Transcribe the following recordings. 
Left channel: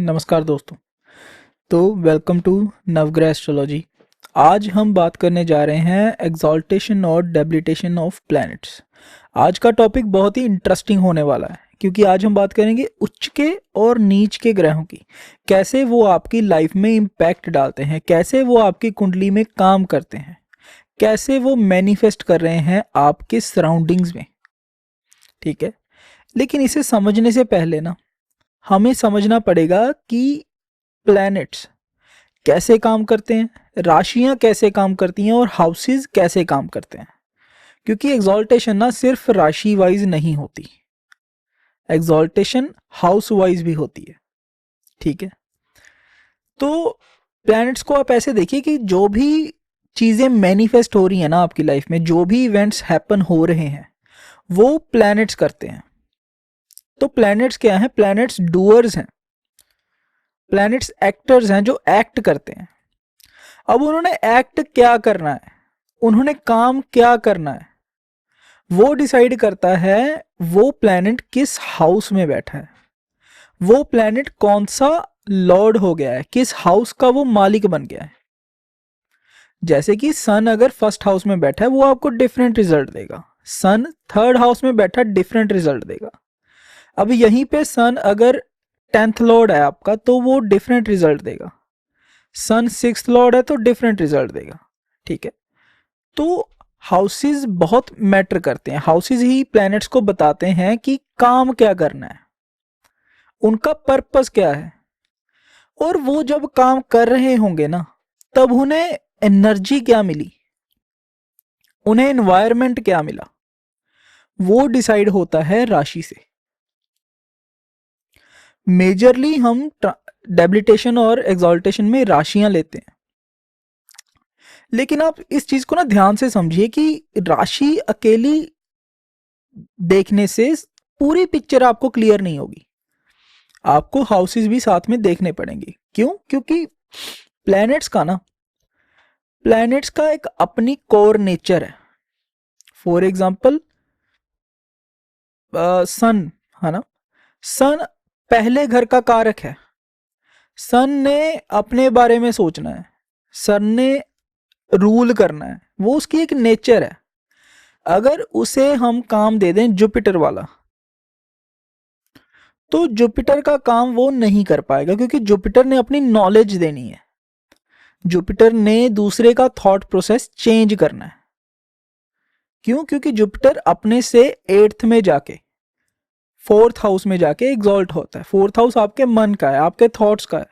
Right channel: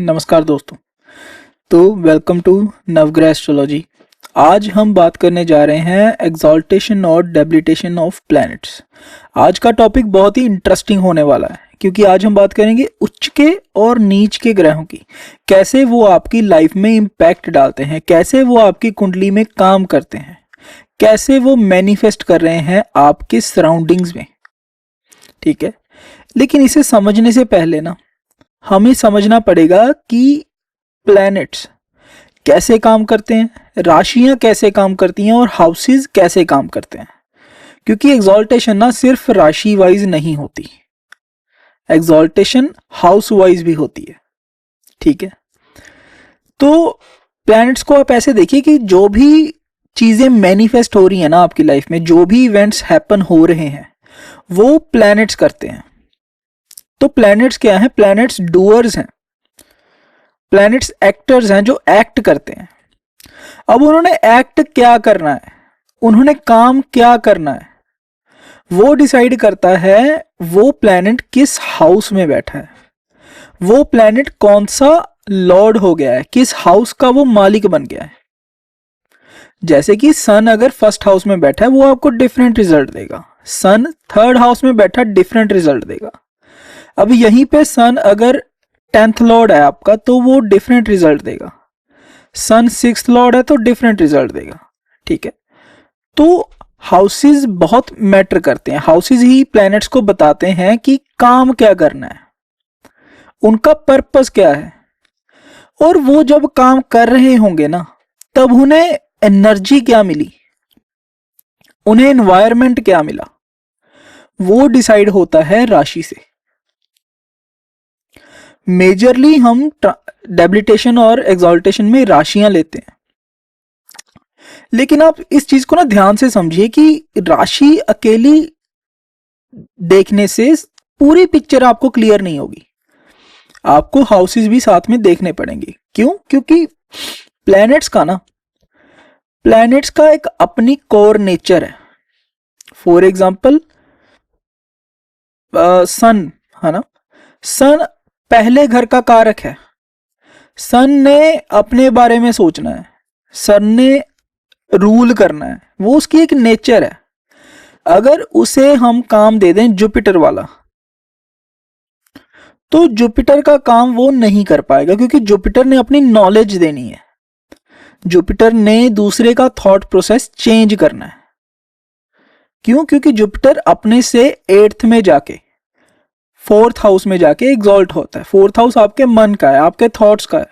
नमस्कार दोस्तों। तो वेलकम टू नवग्रह एस्ट्रोलॉजी। आज हम बात करने जा रहे हैं एक्सॉल्टेशन और डेबिलिटेशन ऑफ प्लैनेट्स। आज का टॉपिक बहुत ही इंटरेस्टिंग होने वाला है क्योंकि आज हम बात करेंगे उच्च के और नीच के ग्रहों की, कैसे वो आपकी लाइफ में इम्पैक्ट डालते हैं, कैसे वो आपकी कुंडली में काम करते हैं, कैसे वो मैनिफेस्ट कर रहे हैं आपके सराउंडिंग्स में। ठीक है, लेकिन इसे समझने से पहले ना हमें समझना पड़ेगा कि प्लैनेट्स कैसे काम करते हैं, राशियां कैसे काम करती हैं और हाउसेस कैसे काम करते हैं। क्योंकि एग्जॉल्टेशन ना सिर्फ राशि वाइज नहीं होती, एग्जॉल्टेशन हाउस वाइज भी होती है। ठीक है, तो प्लैनेट्स को आप ऐसे देखिए कि जो भी चीजें मैनिफेस्ट हो रही है ना आपकी लाइफ में, जो भी इवेंट्स हैपन हो रहे हैं वो प्लैनेट्स करते हैं। तो प्लैनेट्स क्या है? प्लैनेट्स डूअर्स हैं, प्लैनेट्स एक्टर्स हैं जो एक्ट करते हैं। अब उन्होंने एक्ट क्या करना है, उन्होंने काम क्या करना है, वो डिसाइड करता है वो प्लैनेट किस हाउस में बैठा है, वो प्लैनेट कौन सा लॉर्ड हो गया है, किस हाउस का वो मालिक बन गया है। जैसे कि सन अगर फर्स्ट हाउस में बैठा है वो आपको डिफरेंट रिजल्ट देगा, सन थर्ड हाउस में बैठा डिफरेंट रिजल्ट देगा। अब यहीं पे सन अगर 10th लॉर्ड है आपका तो वो डिफरेंट रिजल्ट देगा, सन 6th लॉर्ड है तो डिफरेंट रिजल्ट देगा। ठीक है, तो हाउसेस बहुत मैटर करते हैं, हाउसेस ही प्लैनेट्स को बताते हैं कि काम क्या करना है, उनका पर्पस क्या है। और वो जब काम कर रहे होंगे ना तब उन्हें एनर्जी क्या मिली, उन्हें एनवायरनमेंट क्या मिला, वो डिसाइड होता है राशि से। मेजरली हम डेबिलिटेशन और एक्सॉल्टेशन में राशियां लेते हैं, लेकिन आप इस चीज को ना ध्यान से समझिए कि राशि अकेली देखने से पूरी पिक्चर आपको क्लियर नहीं होगी, आपको हाउसेस भी साथ में देखने पड़ेंगे। क्यों? क्योंकि प्लैनेट्स का एक अपनी कोर नेचर है। फॉर एग्जाम्पल सन है ना, सन पहले घर का कारक है, सन ने अपने बारे में सोचना है, सन ने रूल करना है, वो उसकी एक नेचर है। अगर उसे हम काम दे दें जुपिटर वाला तो जुपिटर का काम वो नहीं कर पाएगा, क्योंकि जुपिटर ने अपनी नॉलेज देनी है, जुपिटर ने दूसरे का थॉट प्रोसेस चेंज करना है। क्यों? क्योंकि जुपिटर अपने से 8th में जाके 4th हाउस में जाके एग्जॉल्ट होता है। 4th हाउस आपके मन का है, आपके थॉट्स का है,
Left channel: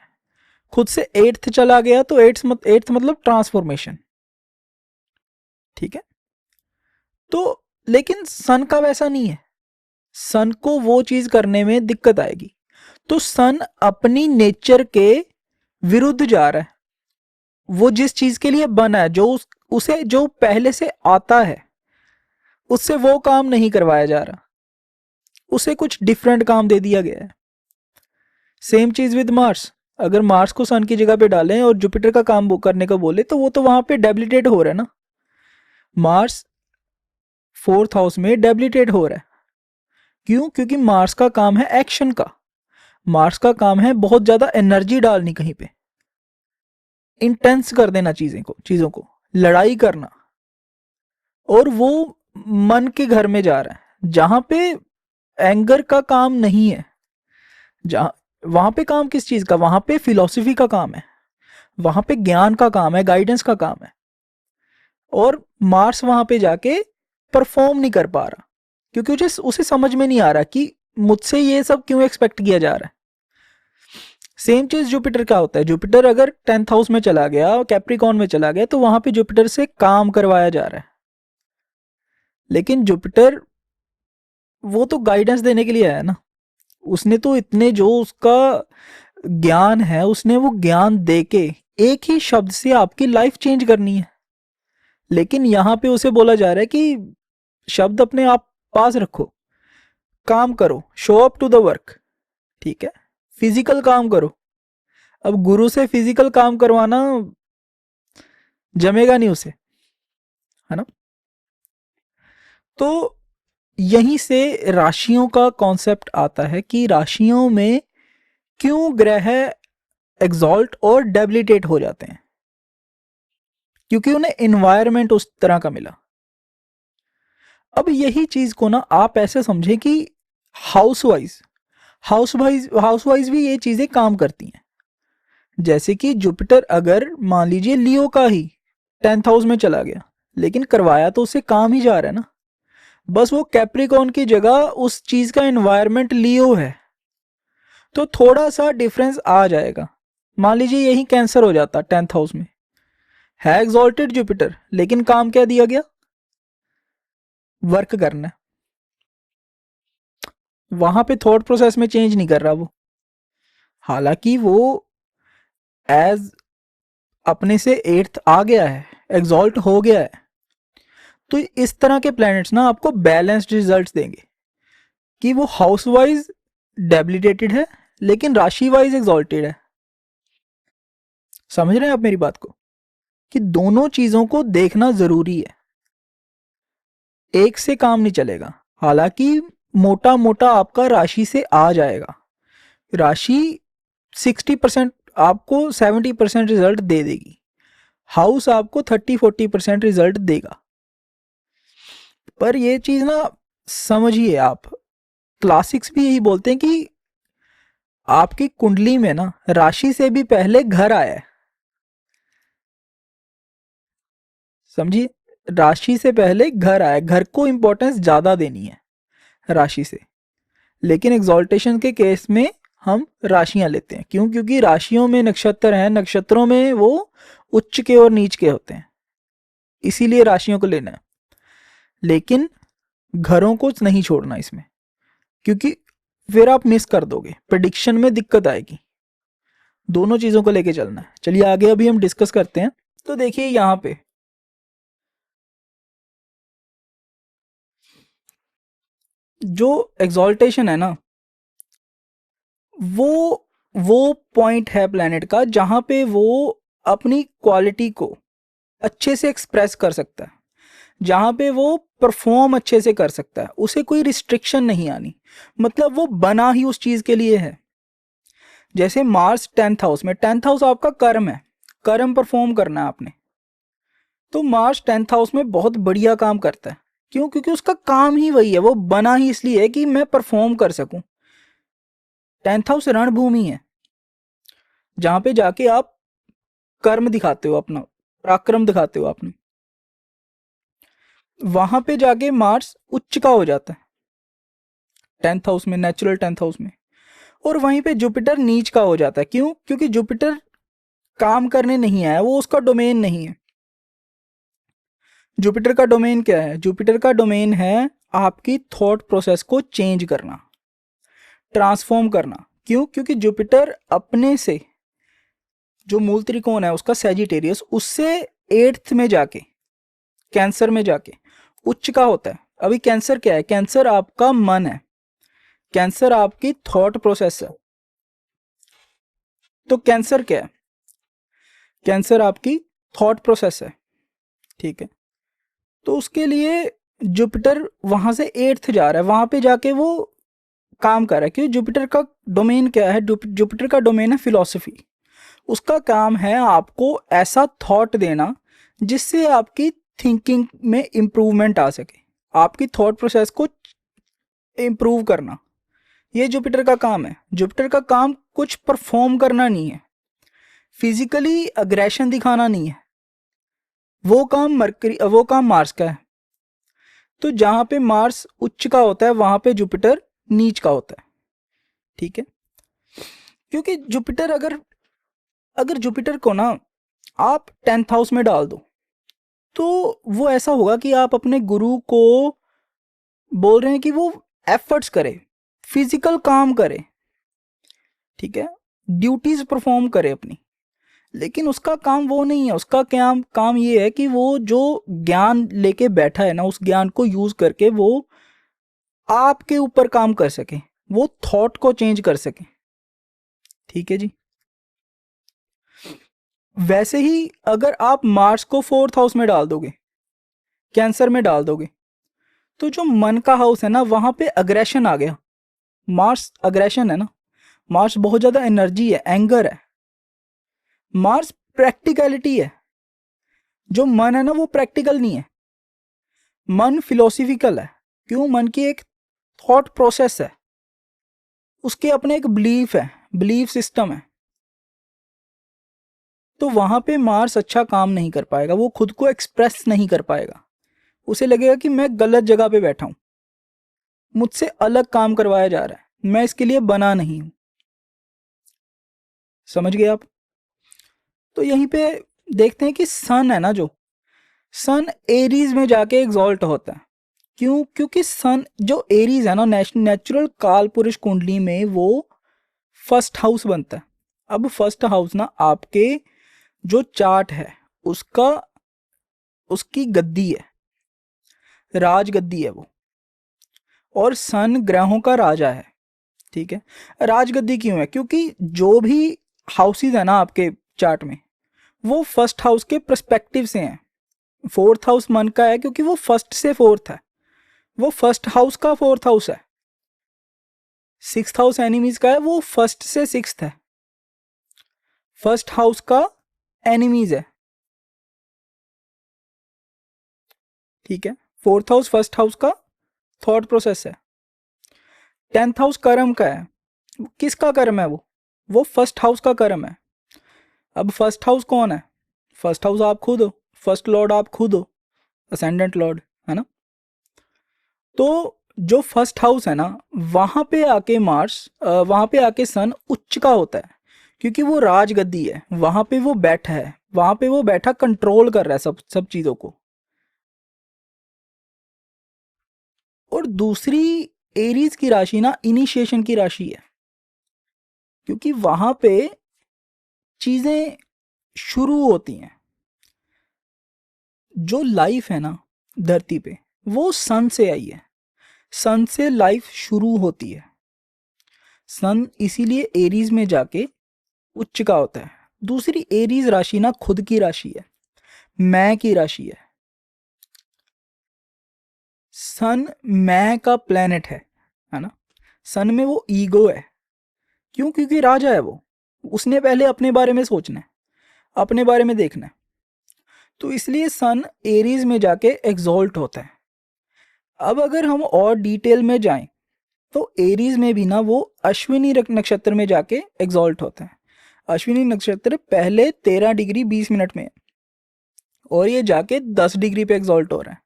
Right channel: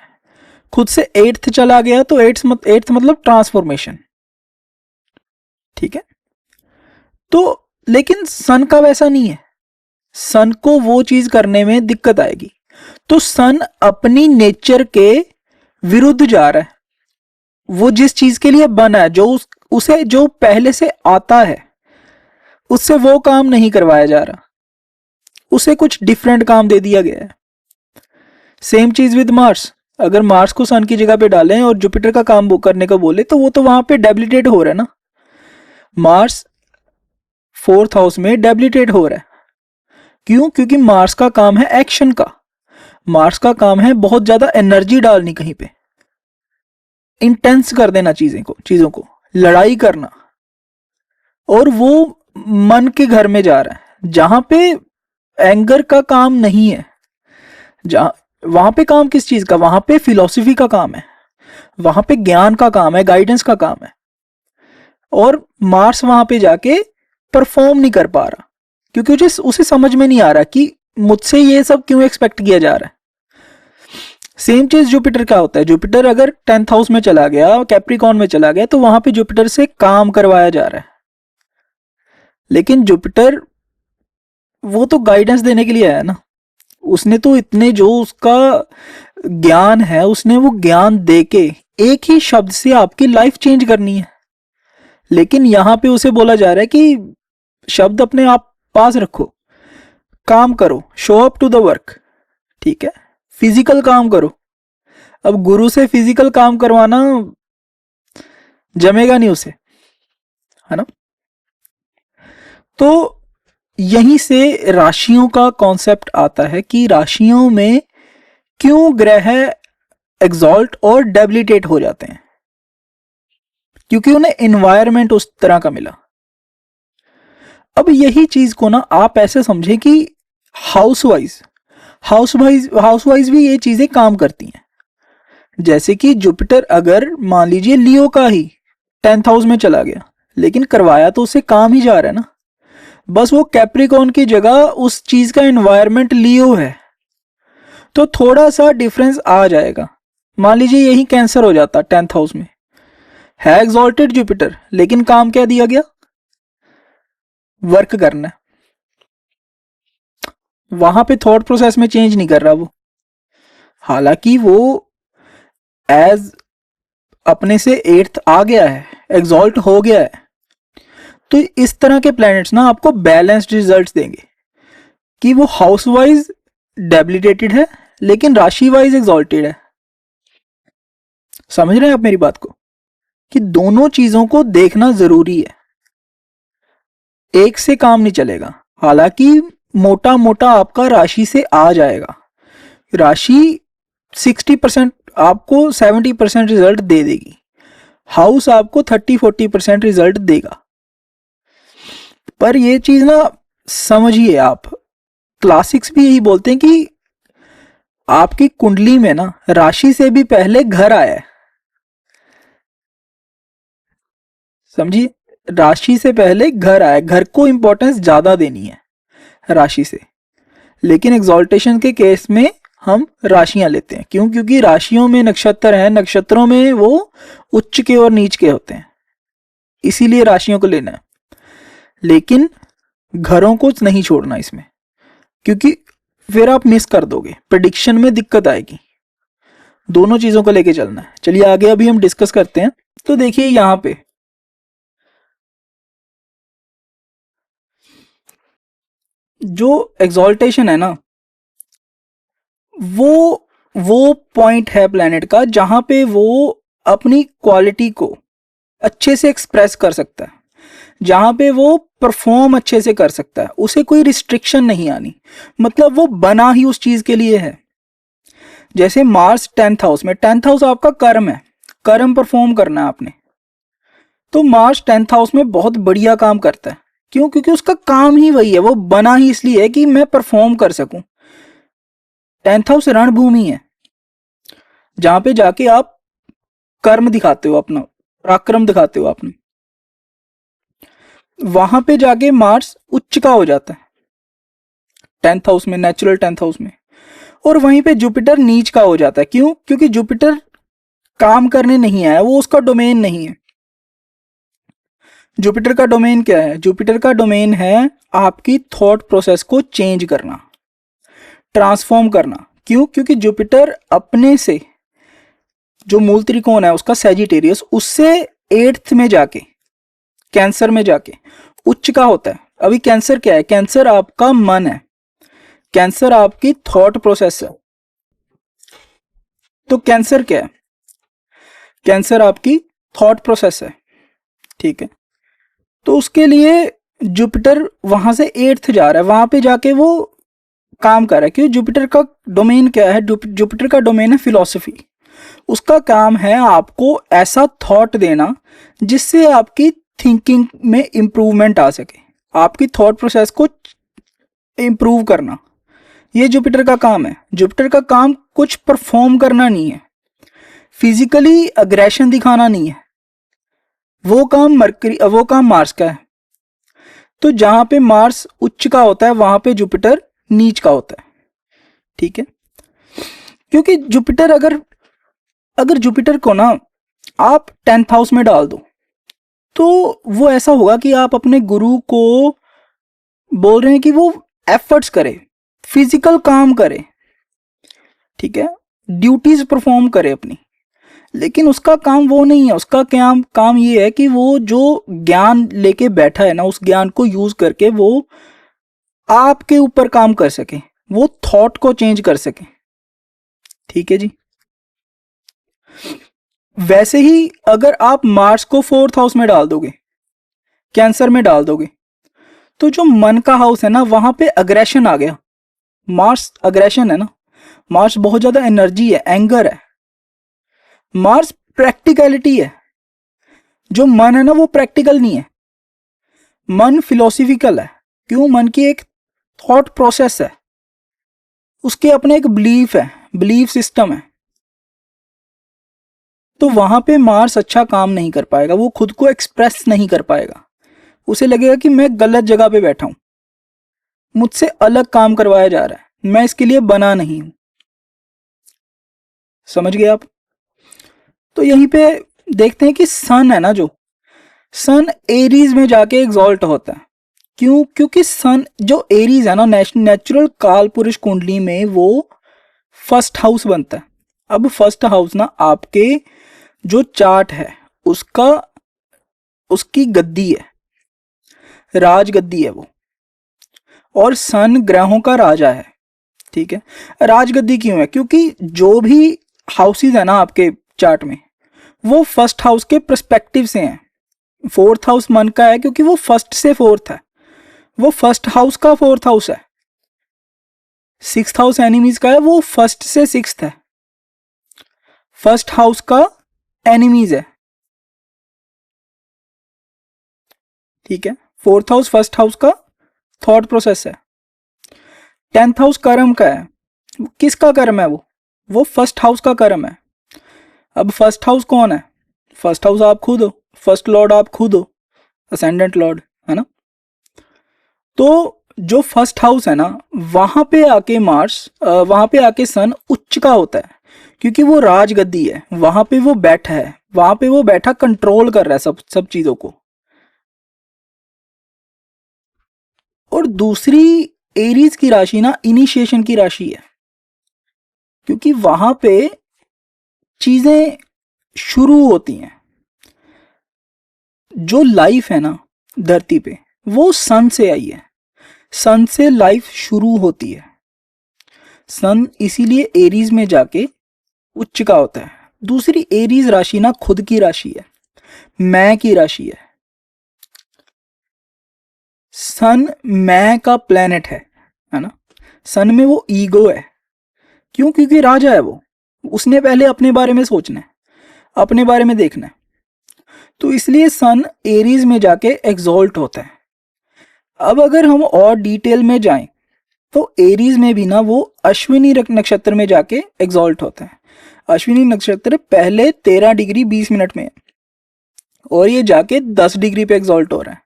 खुद से 8th चला गया तो 8th मतलब ट्रांसफॉर्मेशन। ठीक है, तो लेकिन सन का वैसा नहीं है, सन को वो चीज करने में दिक्कत आएगी। तो सन अपनी नेचर के विरुद्ध जा रहा है, वो जिस चीज के लिए बना है, उसे जो पहले से आता है उससे वो काम नहीं करवाया जा रहा, उसे कुछ डिफरेंट काम दे दिया गया है। सेम चीज विद मार्स, अगर मार्स को सन की जगह पे डालें और जुपिटर का काम वो करने को बोले तो वो तो वहां पे डेबिलिटेट हो रहा है ना, मार्स 4th हाउस में डेबिलिटेट हो रहा है। क्यों? क्योंकि मार्स का काम है एक्शन का, मार्स का काम है बहुत ज्यादा एनर्जी डालनी, कहीं पे इंटेंस कर देना चीजों को लड़ाई करना। और वो मन के घर में जा रहा है जहां पे एंगर का काम नहीं है, जहां वहां पे काम किस चीज का, वहां पे फिलॉसफी का काम है, वहां पे ज्ञान का काम है, गाइडेंस का काम है। और मार्स वहां पे जाके परफॉर्म नहीं कर पा रहा, क्योंकि उसे समझ में नहीं आ रहा कि मुझसे ये सब क्यों एक्सपेक्ट किया जा रहा है। सेम चीज जुपिटर का होता है, जुपिटर अगर 10th हाउस में चला गया, कैप्रिकॉर्न में चला गया, तो वहां पे जुपिटर से काम करवाया जा रहा है। लेकिन जुपिटर वो तो गाइडेंस देने के लिए आया ना, उसने तो इतने जो उसका ज्ञान है उसने वो ज्ञान देके एक ही शब्द से आपकी लाइफ चेंज करनी है। लेकिन यहां पे उसे बोला जा रहा है कि शब्द अपने आप पास रखो, काम करो, show up to the work. ठीक है, फिजिकल काम करो। अब गुरु से फिजिकल काम करवाना जमेगा नहीं उसे, है ना। तो यहीं से राशियों का कॉन्सेप्ट आता है कि राशियों में क्यों ग्रह एग्जॉल्ट और डेबिलिटेट हो जाते हैं? क्योंकि उन्हें एनवायरनमेंट उस तरह का मिला। अब यही चीज को ना आप ऐसे समझे कि हाउसवाइज हाउसवाइज भी ये चीजें काम करती हैं। जैसे कि जुपिटर अगर मान लीजिए लियो का ही 10th हाउस में चला गया, लेकिन करवाया तो उससे काम ही जा रहा है ना, बस वो कैप्रिकॉर्न की जगह उस चीज का एनवायरनमेंट लियो है, तो थोड़ा सा डिफरेंस आ जाएगा। मान लीजिए यही कैंसर हो जाता 10th हाउस में, है एग्जॉल्टेड जुपिटर, लेकिन काम क्या दिया गया? वर्क करना। वहां पे थॉट प्रोसेस में चेंज नहीं कर रहा वो, हालांकि वो एज अपने से 8th आ गया है, एग्जॉल्ट हो गया है। तो इस तरह के प्लैनेट्स ना आपको बैलेंस्ड रिजल्ट्स देंगे कि वो हाउस वाइज डेबिलिटेटेड है लेकिन राशि वाइज एग्जॉल्टेड है। समझ रहे हैं आप मेरी बात को, कि दोनों चीजों को देखना जरूरी है, एक से काम नहीं चलेगा। हालांकि मोटा मोटा आपका राशि से आ जाएगा, राशि 60% आपको 70% रिजल्ट दे देगी, हाउस आपको 30-40% रिजल्ट देगा। पर ये चीज ना समझिए आप, क्लासिक्स भी यही बोलते हैं कि आपकी कुंडली में ना राशि से भी पहले घर आया है। समझिए, राशि से पहले घर आया, घर को इंपॉर्टेंस ज्यादा देनी है राशि से। लेकिन एग्जॉल्टेशन के केस में हम राशियां लेते हैं, क्यों? क्योंकि राशियों में नक्षत्र हैं, नक्षत्रों में वो उच्च के और नीच के होते हैं, इसीलिए राशियों को लेना है। लेकिन घरों को नहीं छोड़ना इसमें, क्योंकि फिर आप मिस कर दोगे, प्रेडिक्शन में दिक्कत आएगी। दोनों चीजों को लेके चलना है। चलिए आगे अभी हम डिस्कस करते हैं। तो देखिए यहां पे जो एग्जॉल्टेशन है ना, वो पॉइंट है प्लेनेट का जहां पे वो अपनी क्वालिटी को अच्छे से एक्सप्रेस कर सकता है, जहां पे वो परफॉर्म अच्छे से कर सकता है, उसे कोई रिस्ट्रिक्शन नहीं आनी, मतलब वो बना ही उस चीज के लिए है। जैसे मार्स 10th हाउस में, 10th हाउस आपका कर्म है, कर्म परफॉर्म करना है आपने, तो मार्स 10th हाउस में बहुत बढ़िया काम करता है। क्यों? क्योंकि उसका काम ही वही है, वो बना ही इसलिए है कि मैं परफॉर्म कर सकूं। 10th हाउस रणभूमि है, जहां पे जाके आप कर्म दिखाते हो, अपना पराक्रम दिखाते हो अपना। वहां पे जाके मार्स उच्च का हो जाता है 10th हाउस में, नेचुरल 10th हाउस में, और वहीं पे जुपिटर नीच का हो जाता है। क्यों? क्योंकि जुपिटर काम करने नहीं आया, वो उसका डोमेन नहीं है। जुपिटर का डोमेन क्या है? जुपिटर का डोमेन है आपकी थॉट प्रोसेस को चेंज करना, ट्रांसफॉर्म करना। क्यों? क्योंकि जुपिटर अपने से जो मूल त्रिकोण है उसका सैजिटेरियस, उससे 8th में जाके, कैंसर में जाके उच्च का होता है। अभी कैंसर क्या है? कैंसर आपका मन है, कैंसर आपकी थॉट प्रोसेस है। तो कैंसर क्या है? कैंसर आपकी थॉट प्रोसेस है, ठीक है। तो उसके लिए जुपिटर वहां से 8th जा रहा है, वहां पे जाके वो काम कर रहा है। क्योंकि जुपिटर का डोमेन क्या है? जुपिटर का डोमेन है फिलॉसफी। उसका काम है आपको ऐसा थॉट देना जिससे आपकी थिंकिंग में इंप्रूवमेंट आ सके, आपकी थॉट प्रोसेस को इंप्रूव करना, ये जुपिटर का काम है। जुपिटर का काम कुछ परफॉर्म करना नहीं है, फिजिकली अग्रेशन दिखाना नहीं है, वो काम मार्स का है। तो जहां पे मार्स उच्च का होता है वहां पे जुपिटर नीच का होता है, ठीक है। क्योंकि जुपिटर अगर अगर जुपिटर को ना आप 10th हाउस में डाल दो, तो वो ऐसा होगा कि आप अपने गुरु को बोल रहे हैं कि वो एफर्ट्स करे, फिजिकल काम करे, ठीक है, ड्यूटीज परफॉर्म करे अपनी। लेकिन उसका काम वो नहीं है, उसका काम काम ये है कि वो जो ज्ञान लेके बैठा है ना, उस ज्ञान को यूज करके वो आपके ऊपर काम कर सके, वो थॉट को चेंज कर सके, ठीक है जी। वैसे ही अगर आप मार्स को 4th हाउस में डाल दोगे, कैंसर में डाल दोगे, तो जो मन का हाउस है ना, वहां पे अग्रेशन आ गया। मार्स अग्रेशन है ना, मार्स बहुत ज्यादा एनर्जी है, एंगर है। मार्स प्रैक्टिकलिटी है। जो मन है ना वो प्रैक्टिकल नहीं है, मन फिलोसफिकल है। क्यों? मन की एक थॉट प्रोसेस है, उसके अपने एक बिलीफ है, बिलीफ सिस्टम है। तो वहां पे मार्स अच्छा काम नहीं कर पाएगा, वो खुद को एक्सप्रेस नहीं कर पाएगा। उसे लगेगा कि मैं गलत जगह पे बैठा हूं, मुझसे अलग काम करवाया जा रहा है, मैं इसके लिए बना नहीं हूं। समझ गए आप? तो यहीं पे देखते हैं कि सन है ना, जो सन एरीज में जाके एग्जॉल्ट होता है। क्यों? क्योंकि सन जो एरीज है ना, नेचुरल काल पुरुष कुंडली में वो फर्स्ट हाउस बनता है। अब फर्स्ट हाउस ना आपके जो चार्ट है उसका, उसकी गद्दी है, राज गद्दी है वो। और सन ग्रहों का राजा है, ठीक है। राजगद्दी क्यों है? क्योंकि जो भी हाउसेज है ना आपके चार्ट में, वो फर्स्ट हाउस के पर्सपेक्टिव से हैं। फोर्थ हाउस मन का है क्योंकि वो फर्स्ट से फोर्थ है, वो फर्स्ट हाउस का फोर्थ हाउस है। सिक्स्थ हाउस एनिमीज का है, वो फर्स्ट से सिक्स्थ है, फर्स्ट हाउस का एनिमीज है, ठीक है। फोर्थ हाउस फर्स्ट हाउस का थॉट प्रोसेस है। टेंथ हाउस कर्म का है। किसका कर्म है? वो फर्स्ट हाउस का कर्म है। अब फर्स्ट हाउस कौन है? फर्स्ट हाउस आप खुद हो, फर्स्ट लॉर्ड आप खुद हो, असेंडेंट लॉर्ड, है ना। तो जो फर्स्ट हाउस है ना, वहां पे आके मार्स, वहां पे आके सन उच्च का होता है, क्योंकि वो राजगद्दी है, वहां पे वो बैठा है, वहां पे वो बैठा कंट्रोल कर रहा है सब सब चीजों को। और दूसरी एरीज की राशि ना इनिशिएशन की राशि है, क्योंकि वहां पे चीजें शुरू होती हैं। जो लाइफ है ना धरती पे, वो सन से आई है, सन से लाइफ शुरू होती है। सन इसीलिए एरीज में जाके उच्च का होता है। दूसरी एरीज राशि ना खुद की राशि है, मैं की राशि है। सन मैं का प्लेनेट है ना। सन में वो ईगो है। क्यों? क्योंकि राजा है वो, उसने पहले अपने बारे में सोचना है, अपने बारे में देखना है। तो इसलिए सन एरीज में जाके एग्जॉल्ट होता है। अब अगर हम और डिटेल में जाएं तो एरीज में भी ना वो अश्विनी नक्षत्र में जाके एग्जॉल्ट होता है। अश्विनी नक्षत्र पहले 13 डिग्री 20 मिनट में है, और ये जाके 10 डिग्री पे एग्जॉल्ट हो रहा है।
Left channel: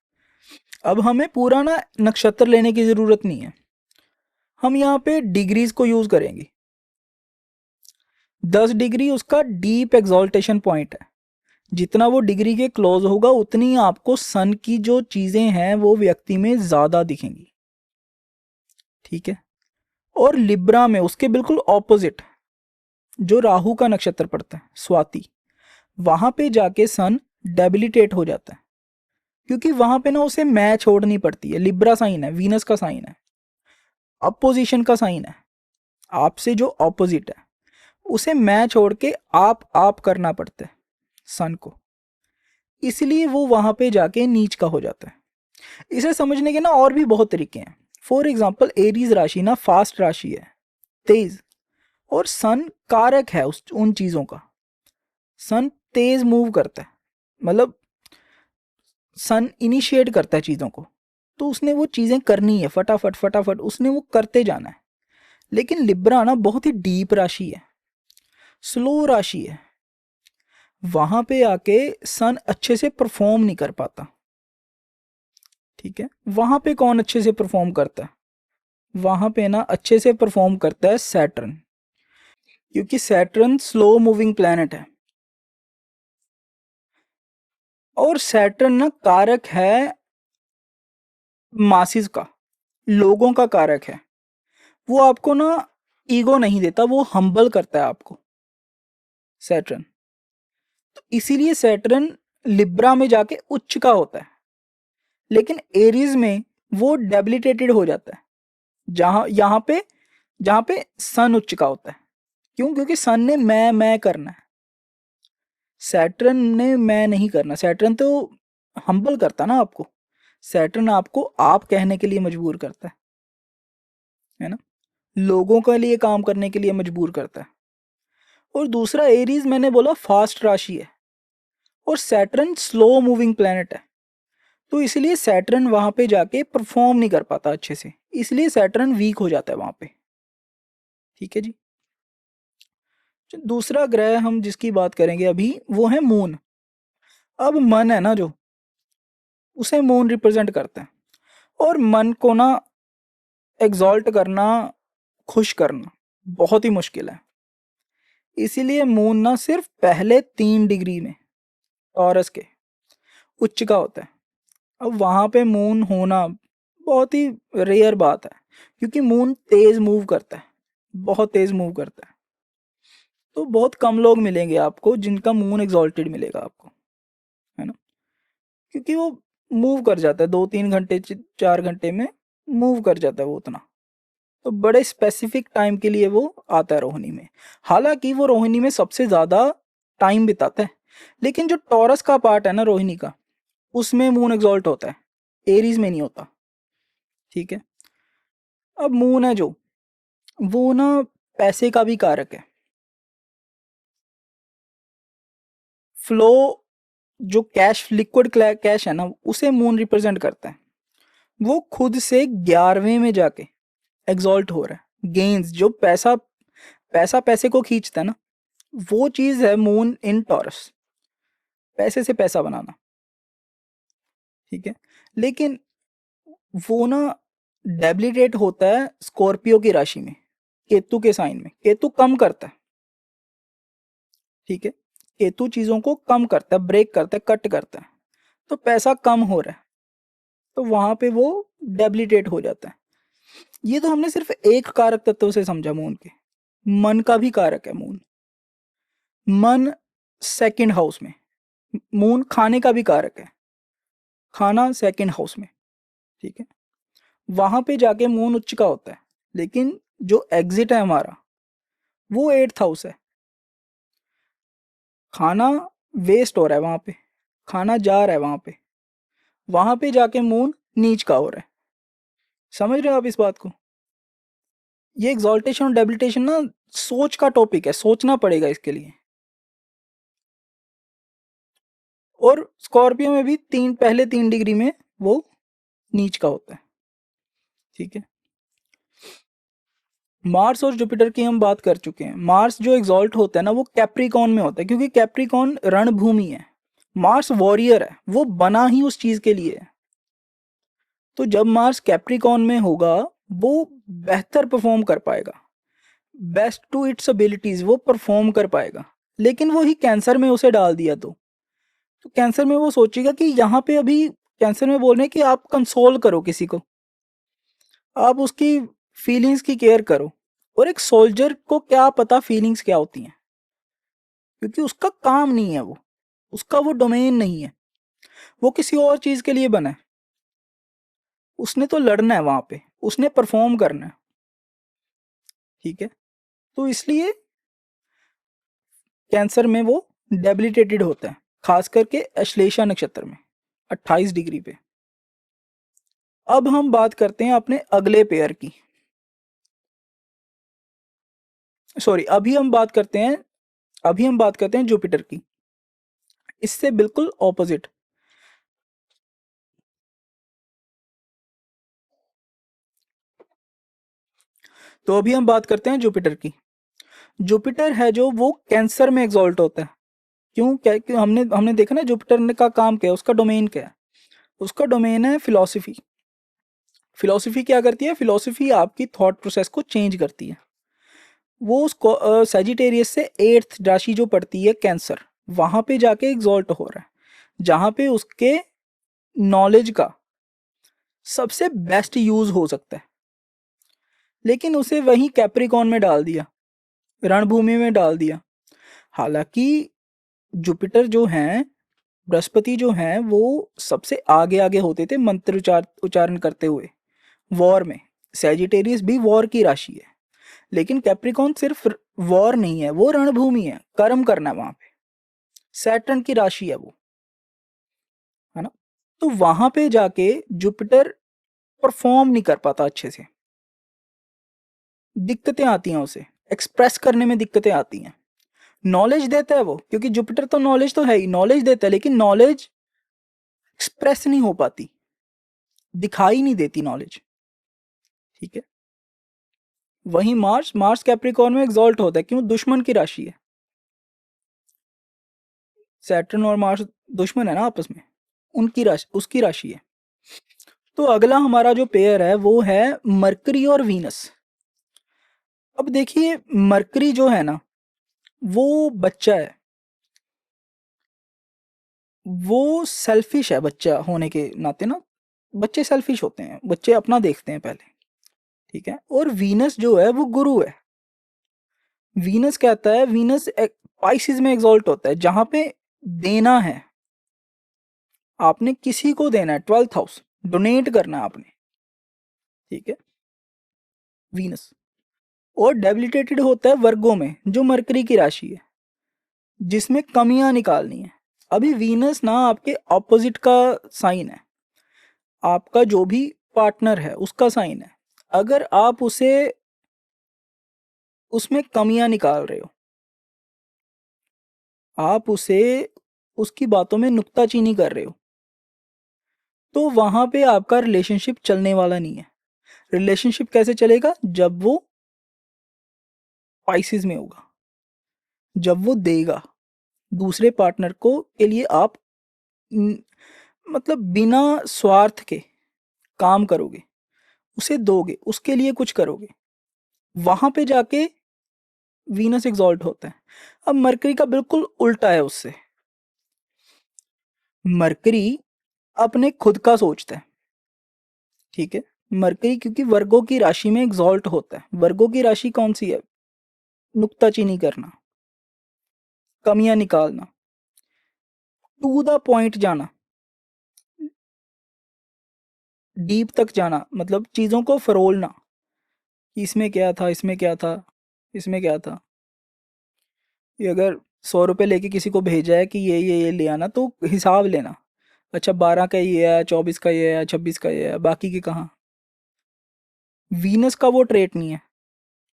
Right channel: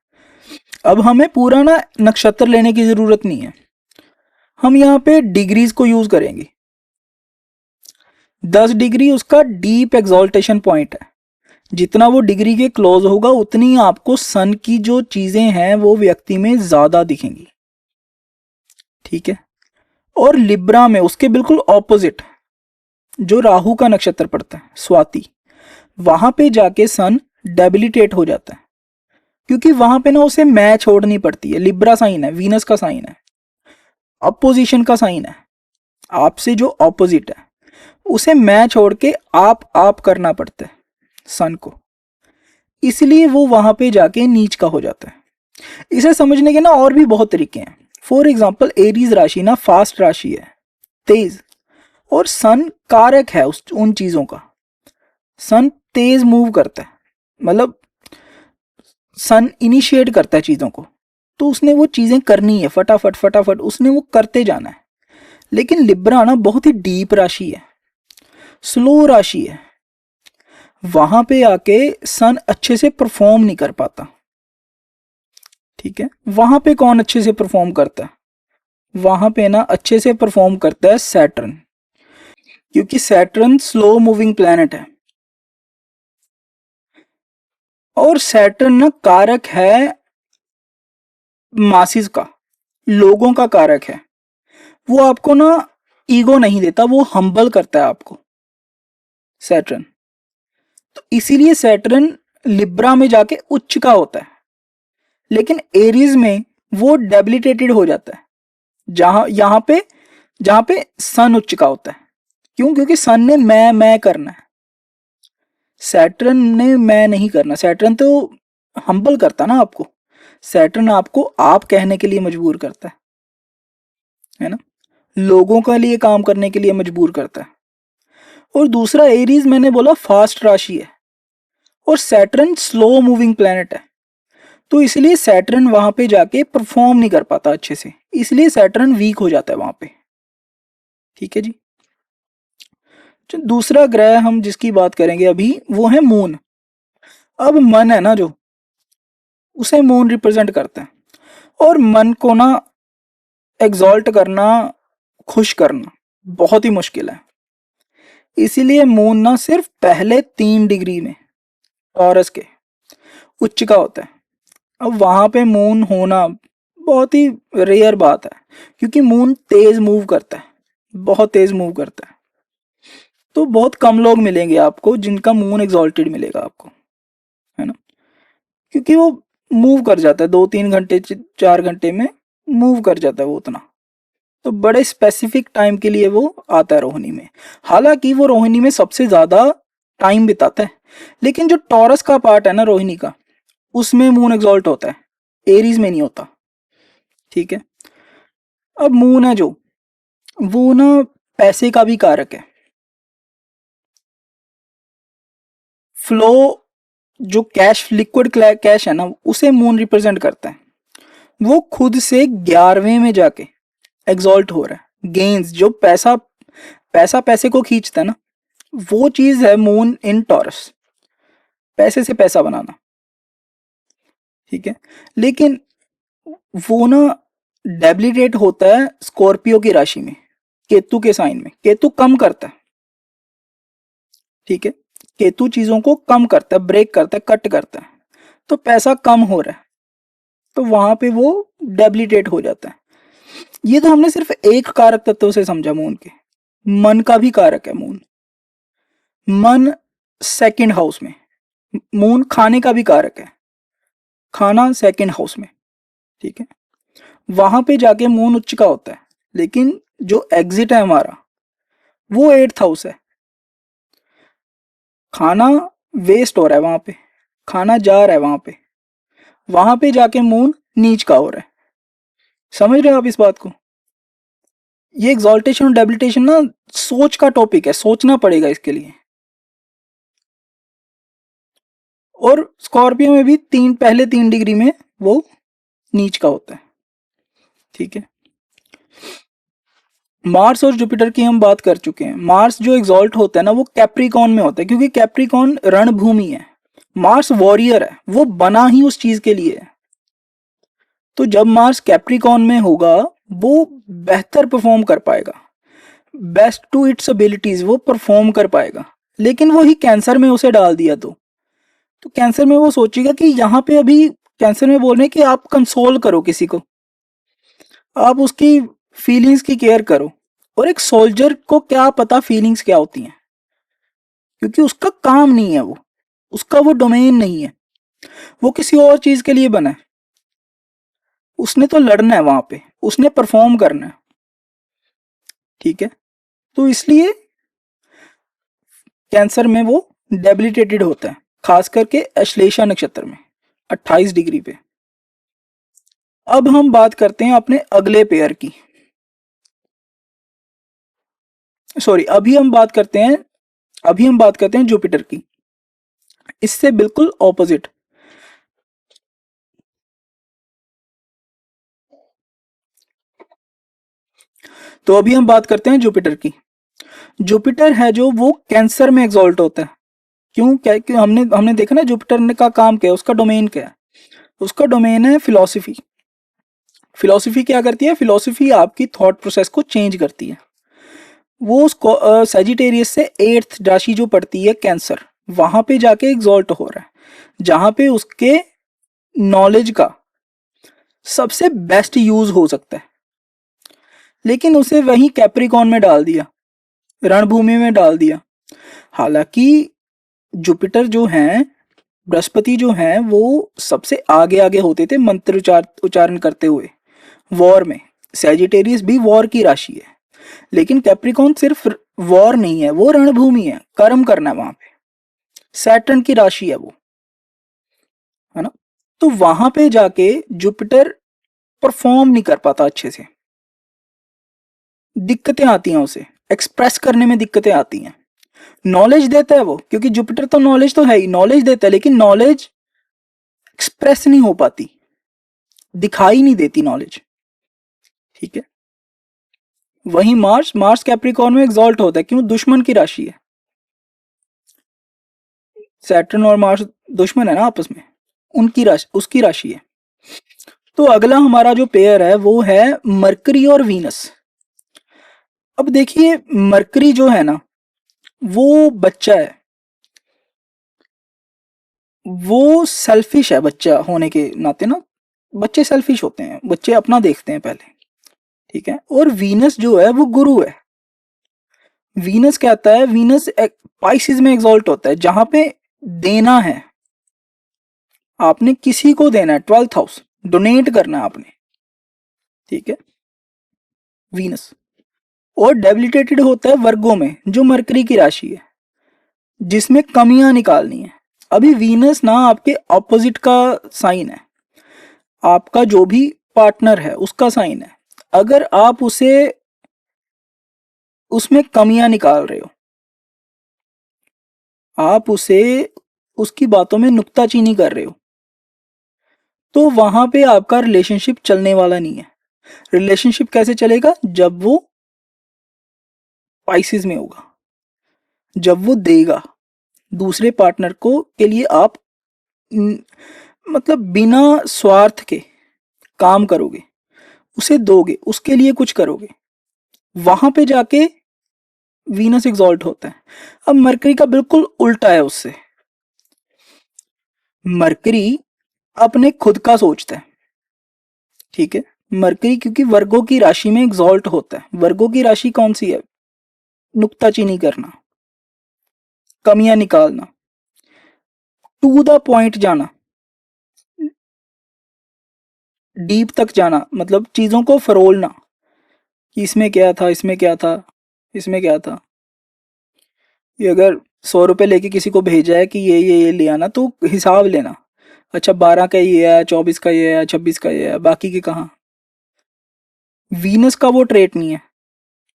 अब हमें पूरा ना नक्षत्र लेने की जरूरत नहीं है, हम यहाँ पे डिग्रीज को यूज करेंगे। 10 डिग्री उसका डीप एग्जॉल्टेशन पॉइंट है। जितना वो डिग्री के क्लोज होगा उतनी आपको सन की जो चीजें हैं वो व्यक्ति में ज्यादा दिखेंगी, ठीक है। और लिब्रा में उसके बिल्कुल ऑपोजिट जो राहु का नक्षत्र पड़ता है, स्वाति, वहां पे जाके सन डेबिलिटेट हो जाता है, क्योंकि वहां पे ना उसे मैं छोड़नी पड़ती है। लिब्रा साइन है, वीनस का साइन है, अपोजिशन का साइन है, आपसे जो ऑपोजिट है उसे मैं छोड़ के आप करना पड़ता है सन को, इसलिए वो वहां पे जाके नीच का हो जाता है। इसे समझने के ना और भी बहुत तरीके हैं। फॉर एग्जाम्पल एरीज राशि ना फास्ट राशि है, तेज, और सन कारक है उन चीजों का। सन तेज मूव करता है, मतलब सन इनिशिएट करता है चीजों को, तो उसने वो चीजें करनी है फटाफट फटाफट, उसने वो करते जाना है। लेकिन लिब्रा ना बहुत ही डीप राशि है, स्लो राशि है, वहां पे आके सन अच्छे से परफॉर्म नहीं कर पाता, ठीक है। वहां पे कौन अच्छे से परफॉर्म करता है? वहां पे ना अच्छे से परफॉर्म करता है सैटर्न, क्योंकि सैटर्न स्लो मूविंग प्लैनेट है। और सैटर्न ना कारक है मासिस का, लोगों का कारक है। वो आपको ना ईगो नहीं देता, वो हम्बल करता है आपको सैटर्न। तो इसीलिए सैटर्न लिब्रा में जाके उच्च का होता है, लेकिन एरीज में वो डेबिलिटेटेड हो जाता है, जहां पे सन उच्च का होता है। क्यों? क्योंकि सन ने मैं करना है, सैटर्न ने मैं नहीं करना। सैटर्न तो हम्बल करता ना आपको, सैटर्न आपको आप कहने के लिए मजबूर करता है ना। लोगों के लिए काम करने के लिए मजबूर करता है। और दूसरा एरीज मैंने बोला फास्ट राशि है, और सैटर्न स्लो मूविंग प्लैनेट है, तो इसलिए सैटर्न वहां पे जाके परफॉर्म नहीं कर पाता अच्छे से, इसलिए सैटर्न वीक हो जाता है वहां पे। ठीक है जी। जो दूसरा ग्रह हम जिसकी बात करेंगे अभी वो है मून। अब मन है ना जो, उसे मून रिप्रेजेंट करता है, और मन को ना एग्जॉल्ट करना, खुश करना बहुत ही मुश्किल है। इसीलिए मून ना सिर्फ पहले 3 डिग्री में टॉरस के उच्च का होता है। अब वहां पे मून होना बहुत ही रेयर बात है, क्योंकि मून तेज मूव करता है, बहुत तेज मूव करता है। तो बहुत कम लोग मिलेंगे आपको जिनका मून एग्जॉल्टेड मिलेगा आपको, है ना, क्योंकि वो मूव कर जाता है 2-3 घंटे 4 घंटे में मूव कर जाता है वो उतना। तो बड़े स्पेसिफिक टाइम के लिए वो आता है रोहिणी में। हालांकि वो रोहिणी में सबसे ज्यादा टाइम बिताता है, लेकिन जो टॉरस का पार्ट है ना रोहिणी का, उसमें मून एग्जॉल्ट होता है, एरीज में नहीं होता। ठीक है। अब मून है जो, वो ना पैसे का भी कारक है। फ्लो, जो कैश लिक्विड कैश है ना, उसे मून रिप्रेजेंट करता है। वो खुद से 11वें में जाके एग्जॉल्ट हो रहा है। गेन्स जो पैसा, पैसा पैसे को खींचता है ना, वो चीज है मून इन टॉरस, पैसे से पैसा बनाना। ठीक है। लेकिन वो ना डेबिलिटेट होता है स्कॉर्पियो की राशि में, केतु के साइन में। केतु कम करता है। ठीक है। केतु चीजों को कम करता है, ब्रेक करता है, कट करता है, तो पैसा कम हो रहा है, तो वहां पे वो डेबिलिटेट हो जाता है। ये तो हमने सिर्फ एक कारक तत्व से समझा मून के। मन का भी कारक है मून। मन सेकंड हाउस में, मून खाने का भी कारक है, खाना सेकंड हाउस में। ठीक है। वहां पे जाके मून उच्च का होता है, लेकिन जो एग्जिट है हमारा वो 8th हाउस है। खाना वेस्ट हो रहा है वहां पे, खाना जा रहा है वहां पे जाके मून नीच का हो रहा है। समझ रहे हो आप इस बात को? ये एग्जॉल्टेशन और डेबिलिटेशन ना सोच का टॉपिक है, सोचना पड़ेगा इसके लिए। और स्कॉर्पियो में भी पहले 3 डिग्री में वो नीच का होता है। ठीक है। मार्स और जुपिटर की हम बात कर चुके हैं। मार्स जो एग्जॉल्ट होता है ना, वो कैप्रिकॉन में होता है, क्योंकि कैप्रिकॉन रणभूमि है। मार्स वॉरियर है, वो बना ही उस चीज के लिए है। तो जब मार्स कैप्रिकॉन में होगा, वो बेहतर परफॉर्म कर पाएगा, बेस्ट टू इट्स एबिलिटीज वो परफॉर्म कर पाएगा। लेकिन वही कैंसर में उसे डाल दिया तो कैंसर में वो सोचेगा कि यहाँ पे अभी कैंसर में बोल रहे हैं कि आप कंसोल करो किसी को, आप उसकी फीलिंग्स की केयर करो। और एक सोल्जर को क्या पता फीलिंग्स क्या होती हैं, क्योंकि उसका काम नहीं है वो, उसका वो डोमेन नहीं है, वो किसी और चीज के लिए बना है। उसने तो लड़ना है वहां पे, उसने परफॉर्म करना है। ठीक है। तो इसलिए कैंसर में वो डेबिलिटेटेड होता है, खास करके अश्लेषा नक्षत्र में 28 डिग्री पे। अब हम बात करते हैं अपने अगले पेयर की। सॉरी, अभी हम बात करते हैं जुपिटर की, इससे बिल्कुल ऑपोजिट। तो अभी हम बात करते हैं जुपिटर की। जुपिटर है जो, वो कैंसर में एग्जॉल्ट होता है। क्यों? क्या क्यों? हमने हमने देखा ना जुपिटर ने का काम क्या है, उसका डोमेन क्या है? उसका डोमेन है फिलॉसफी। फिलॉसफी क्या करती है? फिलॉसफी आपकी थॉट प्रोसेस को चेंज करती है। वो उसको सेजिटेरियस से 8th राशि जो पड़ती है कैंसर, वहां पे जाके एग्जॉल्ट हो रहा है, जहां पे उसके नॉलेज का सबसे बेस्ट यूज हो सकता है। लेकिन उसे वही कैप्रिकॉन में डाल दिया, रणभूमि में डाल दिया। हालांकि जुपिटर जो है, बृहस्पति जो है, वो सबसे आगे आगे होते थे मंत्र उच्चारण करते हुए वॉर में। सैजिटेरियस भी वॉर की राशि है, लेकिन कैप्रिकॉन सिर्फ वॉर नहीं है, वो रणभूमि है, कर्म करना है वहां पे। सैटर्न की राशि है वो, है ना। तो वहां पे जाके जुपिटर परफॉर्म नहीं कर पाता अच्छे से। दिक्कतें आती हैं, उसे एक्सप्रेस करने में दिक्कतें आती हैं। नॉलेज देता है वो, क्योंकि जुपिटर तो नॉलेज तो है ही, नॉलेज देता है, लेकिन नॉलेज एक्सप्रेस नहीं हो पाती, दिखाई नहीं देती नॉलेज। ठीक है। वही मार्स, मार्स कैप्रिकॉर्न में एग्जॉल्ट होता है, क्यों? दुश्मन की राशि है। सैटर्न और मार्स दुश्मन है ना आपस में, उनकी राशि, उसकी राशि है। तो अगला हमारा जो पेयर है वो है मरकरी और वीनस। अब देखिए, मरकरी जो है ना, वो बच्चा है, वो सेल्फिश है बच्चा होने के नाते ना, बच्चे सेल्फिश होते हैं, बच्चे अपना देखते हैं पहले। ठीक है। और वीनस जो है वो गुरु है। वीनस कहता है, वीनस पाइसिस में एग्जॉल्ट होता है, जहां पे देना है, आपने किसी को देना है, 12th हाउस, डोनेट करना है आपने। ठीक है। वीनस। और डेबिलिटेटेड होता है वर्गों में, जो मरकरी की राशि है, जिसमें कमियां निकालनी है। अभी वीनस ना आपके ऑपोजिट का साइन है, आपका जो भी पार्टनर है उसका साइन है। अगर आप उसे, उसमें कमियां निकाल रहे हो, आप उसे, उसकी बातों में नुक्ताचीनी कर रहे हो, तो वहां पे आपका रिलेशनशिप चलने वाला नहीं है। रिलेशनशिप कैसे चलेगा? जब वो पाइसिस में होगा, जब वो देगा दूसरे पार्टनर को के लिए, आप न, मतलब बिना स्वार्थ के काम करोगे, उसे दोगे, उसके लिए कुछ करोगे, वहां पे जाके वीनस एग्जॉल्ट होता है। अब मरकरी का बिल्कुल उल्टा है उससे। मरकरी अपने खुद का सोचता है। ठीक है। मरकरी क्योंकि वर्गों की राशि में एग्जॉल्ट होता है। वर्गों की राशि कौन सी है? नुक्ताचीनी करना, कमियां निकालना, टू द पॉइंट जाना, डीप तक जाना, मतलब चीजों को फरोलना कि इसमें क्या था, इसमें क्या था, इसमें क्या था। ये अगर 100 रुपए लेके किसी को भेजा है कि ये ले आना, तो हिसाब लेना, अच्छा 12 का ये है, 24 का ये है, 26 का ये है, बाकी के कहाँ। वीनस का वो ट्रेट नहीं है,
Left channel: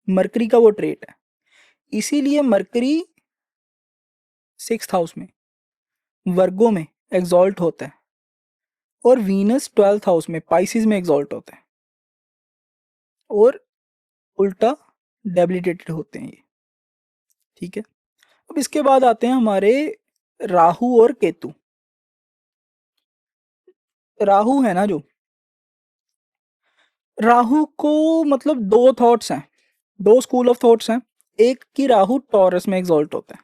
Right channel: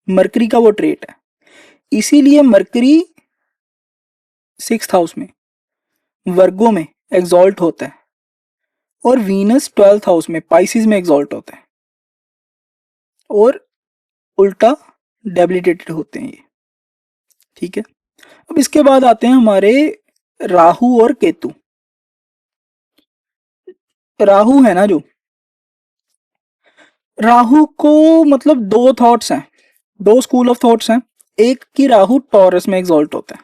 मरकरी का वो ट्रेट है। इसीलिए मरकरी 6th हाउस में, वर्गों में एग्जॉल्ट होता है, और वीनस 12th हाउस में, पाइसिस में एग्जॉल्ट होता है, और उल्टा डेबिलिटेटेड होते हैं ये। ठीक है। अब इसके बाद आते हैं हमारे राहु और केतु। राहु है ना जो, राहु को मतलब दो थॉट्स हैं, दो स्कूल ऑफ थॉट्स हैं। एक की राहु टॉरस में एग्जॉल्ट होता है,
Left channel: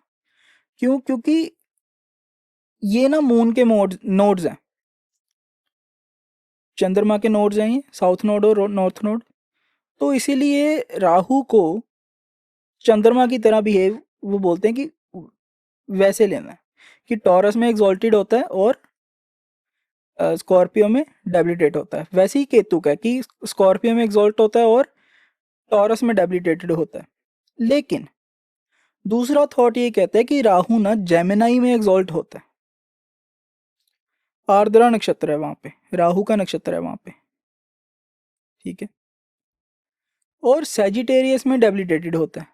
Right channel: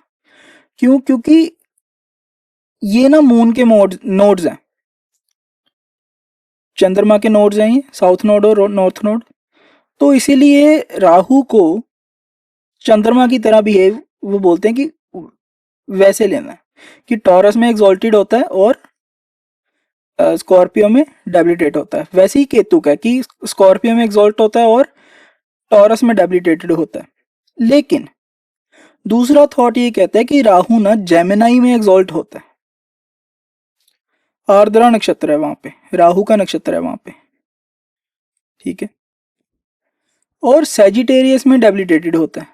क्यों? क्योंकि ये ना मून के नोड्स हैं, चंद्रमा के नोड्स हैं ये, साउथ नोड और नॉर्थ नोड। तो इसीलिए राहु को चंद्रमा की तरह बिहेव, वो बोलते हैं कि वैसे लेना है, कि टॉरस में एग्जॉल्टेड होता है और स्कॉर्पियो में डेबिलिटेट होता है। वैसे ही केतु का है कि स्कॉर्पियो में एग्जॉल्ट होता है और टॉरस में डेबिलिटेटेड होता है। लेकिन दूसरा थॉट ये कहता है कि राहु ना जेमिनाई में एग्जॉल्ट होता है, आर्द्रा नक्षत्र है वहां पे, राहु का नक्षत्र है वहां पे। ठीक है। और सेजिटेरियस में डेबिलिटेटेड होता है।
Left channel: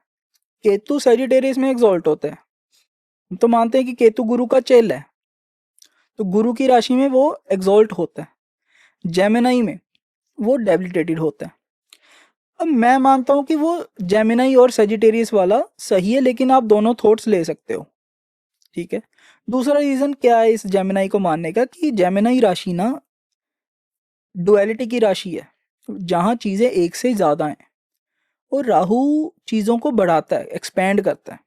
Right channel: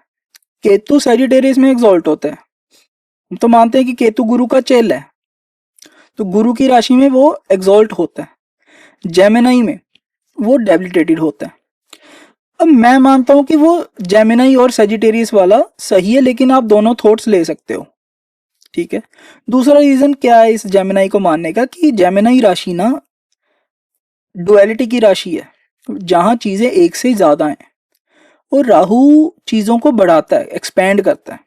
केतु सेजिटेरियस में एग्जॉल्ट होता है। हम तो मानते हैं कि केतु गुरु का चेल है, तो गुरु की राशि में वो एग्जॉल्ट होता है। जेमिनाई में वो डेबिलिटेटेड होता है। अब मैं मानता हूं कि वो जेमिनाई और सेजिटेरियस वाला सही है, लेकिन आप दोनों थॉट्स ले सकते हो। ठीक है। दूसरा रीजन क्या है इस जेमिनाई को मानने का, कि जेमिनाई राशि ना डुअलिटी की राशि है, जहां चीजें एक से ज्यादा हैं, और राहु चीजों को बढ़ाता है, एक्सपैंड करता है।